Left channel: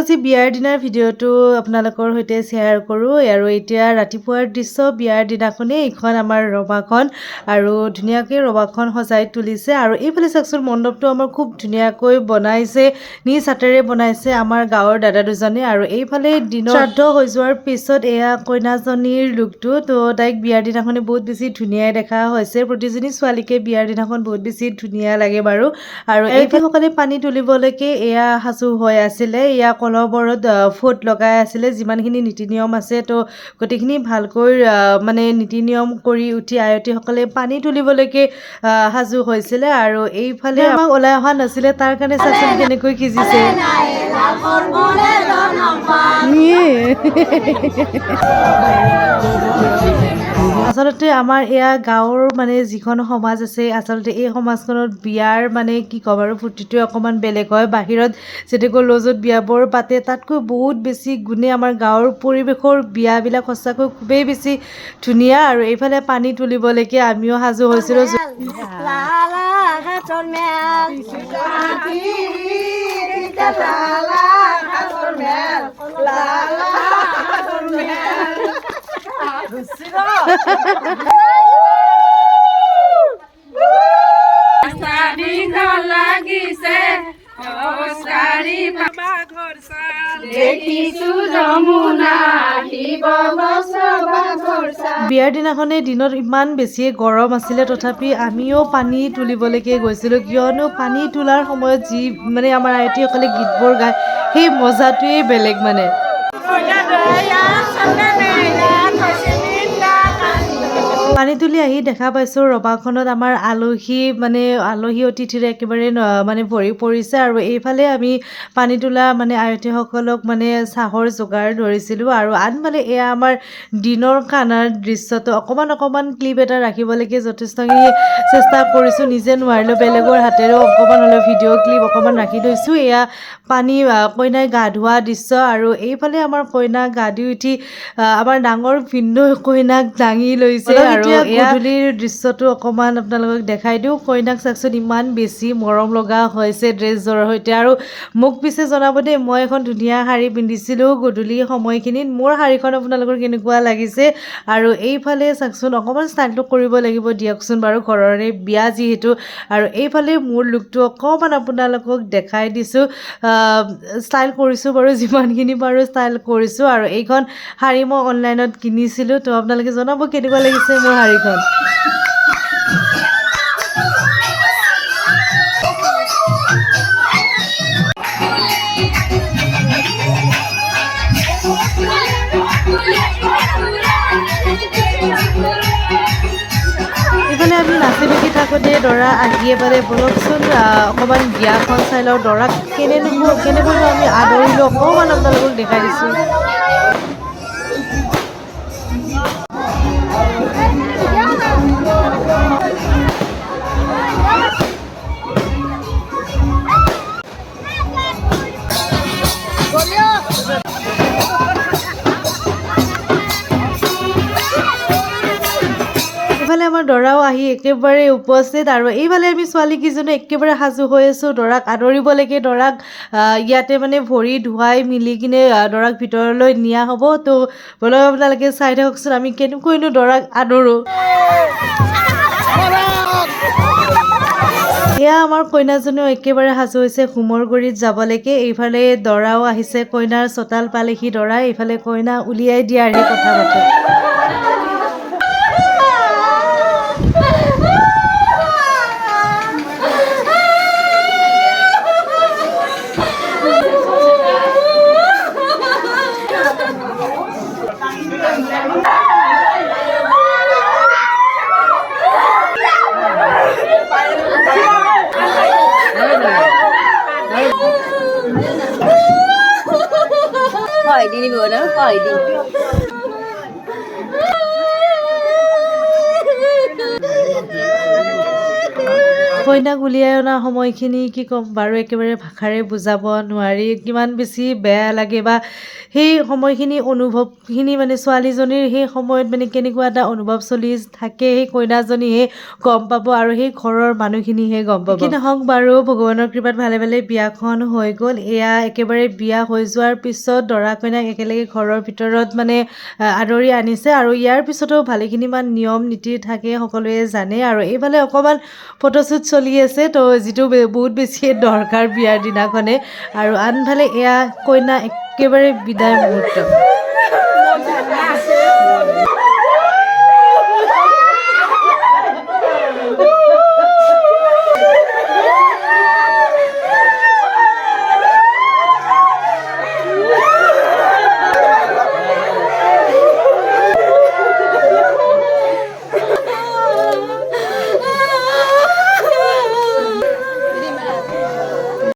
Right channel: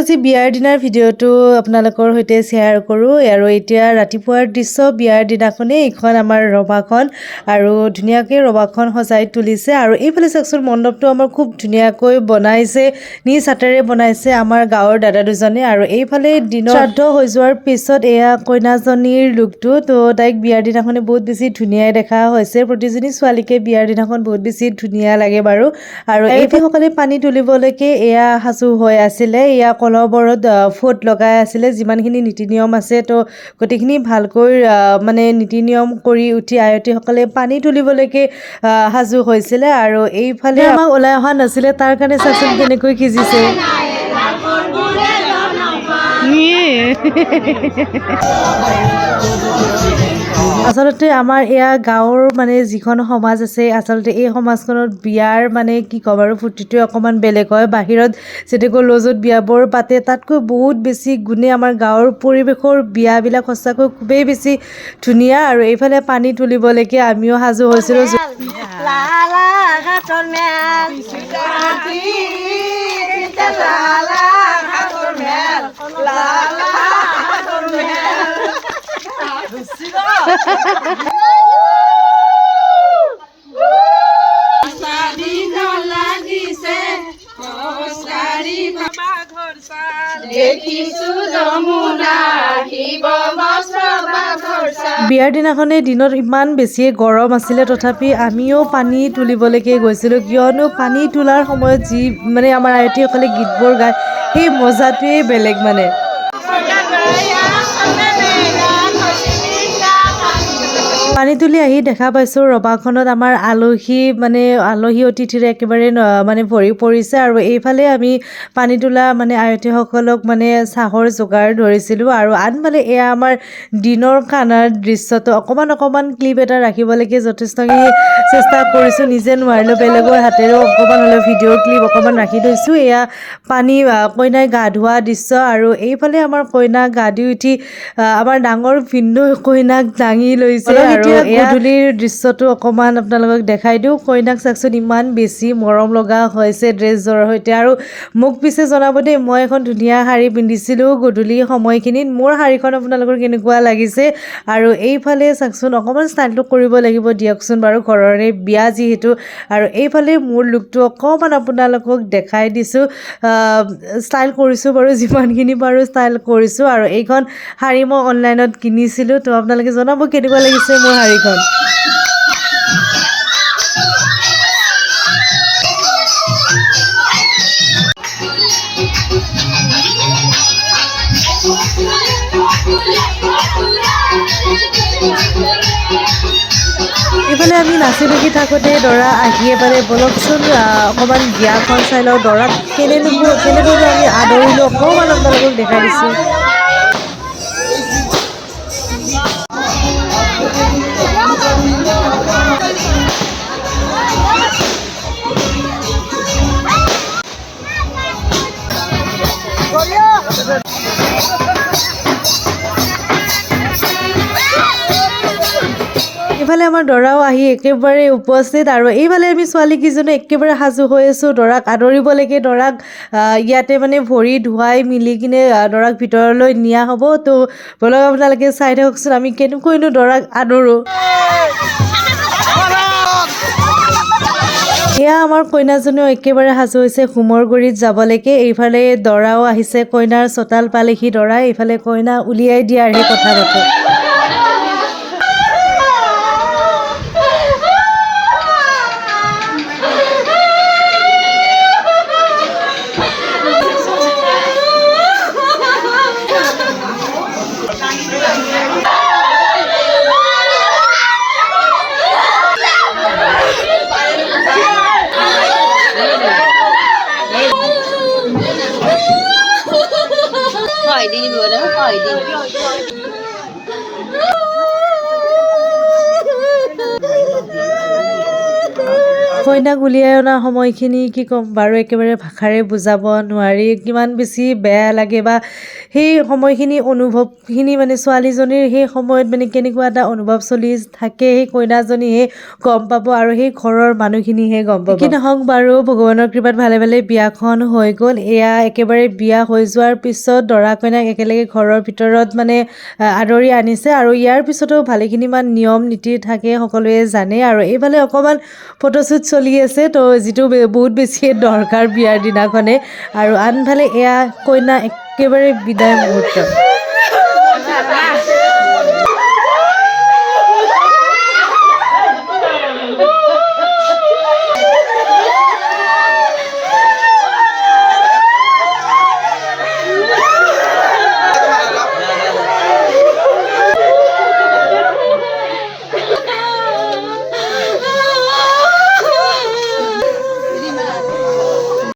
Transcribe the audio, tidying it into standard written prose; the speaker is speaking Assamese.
আজি বিয়াৰ দিনাৰ ভিডিঅ'টো আপোনালোকৰ সৈতে শ্বেয়াৰ কৰোঁ আৰু এতিয়া ৰাতিপুৱাৰ দৃশ্য বিয়াৰ দিনাখনেই এইখন আমাৰ ৰভাখন আৰু ধুনীয়াকৈ ৰভাখন সজাই তুলিছে আৰু এইফালে চাওকচোন মণ্ডপটো আমাৰ খুব ধুনীয়াকৈ বনাইছে নিজ হাতেৰে বনাইছে আমাৰ গাঁৱৰ দাদা দুজনে আৰু এইফালে দিনৰ শ্ৰাদ্ধ হৈ যোৱাৰ পিছত এয়া কইনাজনীৰ লুকটো তো তাইক বিয়াৰ দিনাখনে বহুত বেছি ধুনীয়াই দেখা হৈছে প্ৰতিজনী ছোৱালীকে বিয়াৰ দিনাখন বহুত বেছি ধুনীয়া লাগে বাৰু আৰু এইসকলে পানী তুলিবলৈকে এয়া সাজু হৈ আছিলে এয়া কলহবোৰত ফুট লগাই আছিলে যিমানখিনি নীতি নিয়ম আছে তো গোটেইখিনি ভালকৈ মানে নীতি নিয়ম কৰি উঠি আয়তীসকলে পানী তুলিবলৈকে সাজু হৈছিলে আৰু এইফালে আমাক ওলাই অহা নাছিলে তাৰ কাৰণে চাচোন কেনেকৈ সিজিছে আচলতে আমাৰ এয়া গাঁৱৰ মানে যিখন সমাজ আছে আচলতে এই সমাজখনত বিয়াৰ মানে কি ক'ম আৰু ফূৰ্তিটোৱে অকণমান বেলেগ হয় বাহিৰত যেনেকৈ লজত বিয়াবোৰ পাতে তাতকৈ বহুত বেছি গুণে আমাৰ গাঁৱৰ পৰিৱেশৰ বিয়াবিলাক সঁচাকৈ খুবেই বেছি ধুনীয়া আৰু এইফালে পানী তুলিবলৈকে আমিও সাজু হৈছিলোঁ বিয়াৰ দিনাখনে দিনত ইমান বেছিয়ে গৰম আছিলে তথাপি আমিও পানী তুলিবলৈকে গৈছিলোঁ কিয়নো পানী তোলাৰ সময়ত যি মানে আমাৰ আয়তীসকলে গীতবোৰ গায় সেই মজাটোৱেই বেলেগ মানে পানী তুলি আহি দেখা পাইছোঁ ৰভাখনত আমাৰ আলহী অতিথিৰে একেবাৰে মানে ভৰি পৰিছে আৰু এইফালে আমি পানী তোলা মানে আয়তীসকলক মানে চাহৰ যোগাৰ ধৰিছিলোঁ আৰু আনফালে এয়া আমাৰ দিনৰ খানাৰ দৃশ্যটো অকণমান ক্লিপ এটা ৰাখিবলৈকে যথেষ্টখিনি চেষ্টা কৰিছোঁ নিজে নোৱাৰিলোঁ বেলেগৰ হাতেৰেও অকণমান হ'লেও ভিডিঅ' ক্লিপ অকণমান ৰাখি থৈছোঁ এয়া কইনাই গা ধোৱা দৃশ্য আৰু এইফালে আমাৰ কইনা গা ধুই উঠি আমাৰ ডাঙৰ ভিনদেউ কইনাক দাঙি লৈছে আৰু গধূলিৰ দৃশ্যটো অকণমান আপোনালোকক দেখাই দিওঁ কইনাক চাওকচোন ইমান বেছি মৰম লগা হৈছে ড্ৰেছযোৰৰ সৈতে আৰু মোক পিছে জনাব দেই মই এখন ধুনীয়া শাৰী পিন্ধিছিলোঁ গধূলি সময়খিনিত মোৰ শাৰীখন আপোনালোকৰ কেনেকুৱা লাগিছে আৰু এইফালে চাওকচোন অকণমান ষ্টাইলটো কৰিব লাগিব দিয়কচোন বাৰু ঘৰৰে বিয়া যিহেতু আৰু এইফালে মোৰ লুকটো অকণমান আপোনালোকক দেখাই দিছোঁ ষ্টাইল কৰিছোঁ বাৰু যিমানখিনি পাৰোঁ ষ্টাইল কৰিছোঁ আৰু এইখন শাৰী মই অনলাইনত কিনিছিলোঁ তো আপোনালোকে জনাব কেনেকুৱা লাগিছে মোৰ শাৰীখন এইফালে আমি নাচি বাগি থাকোঁতে দৰা আহিয়ে পালে বলকচোন অকণমান বিয়াখন চাই লওঁ দৰাক কেনেকৈনো আমি আদৰিলোঁ অকণমান আপোনালোকক দেখাই দিছোঁ এইফালে আমাৰ দৰাও আহি একেবাৰে উপস্থিত আৰু এইফালে আমি ছোৱালীকেইজনে একেবাৰে সাজু হৈ আছোঁ দৰাক আদৰিবলৈকে দৰাক ইয়াতে মানে ভৰি ধুৱাই মিলি কিনে দৰাক ভিতৰলৈ নিয়া হ'ব তো বলক আপোনালোকে চাই থাককচোন আমি কেনেকৈনো দৰাক আদৰোঁ এয়া আমাৰ কইনাজনীও একেবাৰে সাজু হৈছে হোমৰ গুৰিত যাবলৈকে এইফালে দৰাও আহিছে কইনাৰ চোতাল পালেহি দৰাই এইফালে কইনা উলিয়াই দিয়াৰ সেই কথা পাতে কইনাক উলিয়াই অনা সময়খিনি কি ক'ম বাৰু একেবাৰে ভাষাৰে বুজাব নোৱাৰি কিমান বেছি বেয়া লাগে বা সেই সময়খিনি অনুভৱখিনি মানে ছোৱালীজনীৰ সেই সময়ত মানে কেনেকুৱা এটা অনুভৱ চলি থাকে সেই কইনাজনীহে গম পাব আৰু সেই ঘৰৰ মানুহখিনিহে গম পাব। কি নহওক বাৰু ভগৱানৰ কৃপাত ভালে ভালে বিয়াখন হৈ গ'ল। এয়া একেবাৰে বিয়া হৈ যোৱাৰ পিছত দৰা কইনাক একেলগে ঘৰৰ ভিতৰত মানে আদৰি আনিছে আৰু ইয়াৰ পিছতো ভালেখিনিমান নিয়ম নীতি থাকে সকলোৱে জানে আৰু এইফালে অকণমান ফটোশ্বুট চলি আছে তো যিটো বহুত বেছিয়ে দৰকাৰ বিয়াৰ দিনাখনে আৰু আনফালে এয়া কইনা একেবাৰে বিদায় মুহূৰ্ত।